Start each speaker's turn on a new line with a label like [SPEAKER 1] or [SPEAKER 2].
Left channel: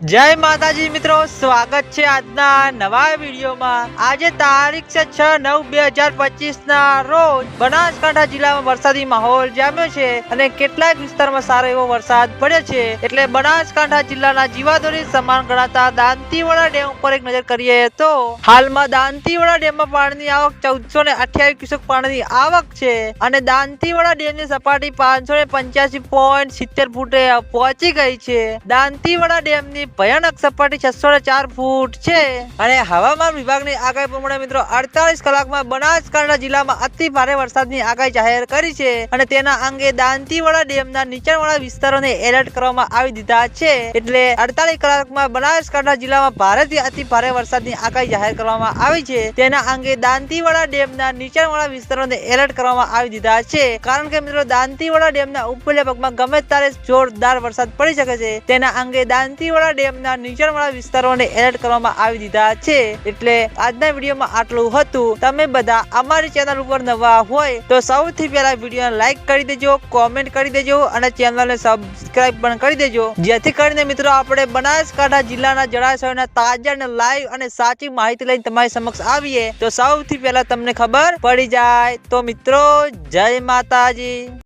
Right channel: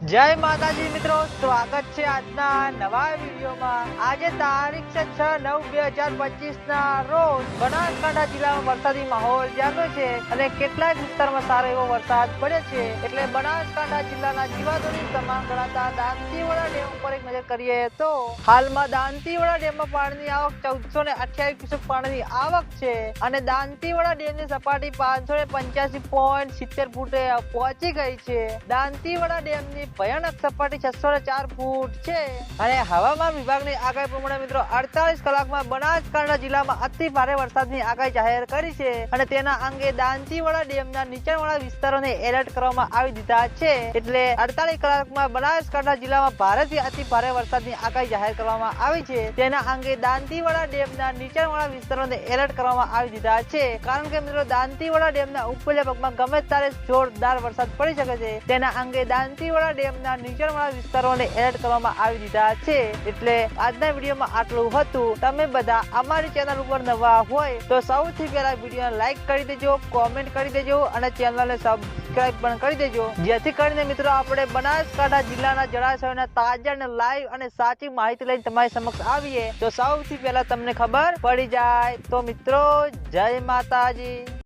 [SPEAKER 1] જય માતાજી મિત્રો, સ્વાગત છે આજના નવા વિડીયોમાં. આજે તારીખ છે છ નવ બે હજાર પચીસ ના રોજ બનાસકાંઠા જિલ્લામાં વરસાદી માહોલ જામ્યો છે અને કેટલાક વિસ્તારમાં સારો એવો વરસાદ પડ્યો છે. એટલે બનાસકાંઠા જિલ્લાના જીવાદોરી સમાન ગણાતા દાંતીવાડા ડેમ ઉપર એક નજર કરીએ તો હાલમાં દાંતીવાડા ડેમમાં પાણીની આવક ચૌદસો ને અઠ્યાવીસ ક્યુસેક પાણીની આવક છે અને દાંતીવાડા ડેમની સપાટી પાંચસો ને પંચ્યાસી પોઈન્ટ સિત્તેર ફૂટે પહોંચી ગઈ છે. દાંતીવાડા ડેમની ભયાનક સપાટી છસો ચાર ફૂટ છે. અને હવામાન વિભાગની આગાહી પ્રમાણે મિત્રો અડતાલીસ કલાકમાં બનાસકાંઠા જિલ્લામાં અતિ ભારે વરસાદની આગાહી જાહેર કરી છે. અને તેના અંગે દાંતીવાડા ડેમના નીચાણવાળા વિસ્તારોને એલર્ટ કરવામાં આવી દીધા છે. એટલે અડતાલીસ કલાકમાં બનાસકાંઠા જિલ્લામાં ભારેથી અતિ ભારે વરસાદની આગાહી જાહેર કરવામાં આવી છે. તેના અંગે દાંતીવાડા ડેમના નીચાણવાળા વિસ્તારોને એલર્ટ કરવામાં આવી દીધા છે. કારણ કે મિત્રો, દાંતીવાડા ડેમના ઉપલ્યા ભાગમાં ગમે ત્યારે જોરદાર વરસાદ પડી શકે છે. તેના અંગે દાંતીવાડા ડેમના નીચાણવાળા વિસ્તારોને એલર્ટ કરવામાં આવી દીધા છે. એટલે આજના વિડીયોમાં આટલું હતું. તમે બધા અમારી ચેનલ ઉપર નવા હોય તો સૌથી પહેલા વિડીયોને લાઈક કરી દેજો, કોમેન્ટ કરી દેજો અને ચેનલને સબસ્ક્રાઇબ પણ કરી દેજો. જેથી કરીને મિત્રો આપણે બનાસકાંઠા જિલ્લાના જળાશયોના તાજા અને લાઈવ અને સાચી માહિતી લઈને તમારી સમક્ષ આવીએ. તો સૌથી પહેલા તમને ખબર પડી જાય. તો મિત્રો, જય માતાજી.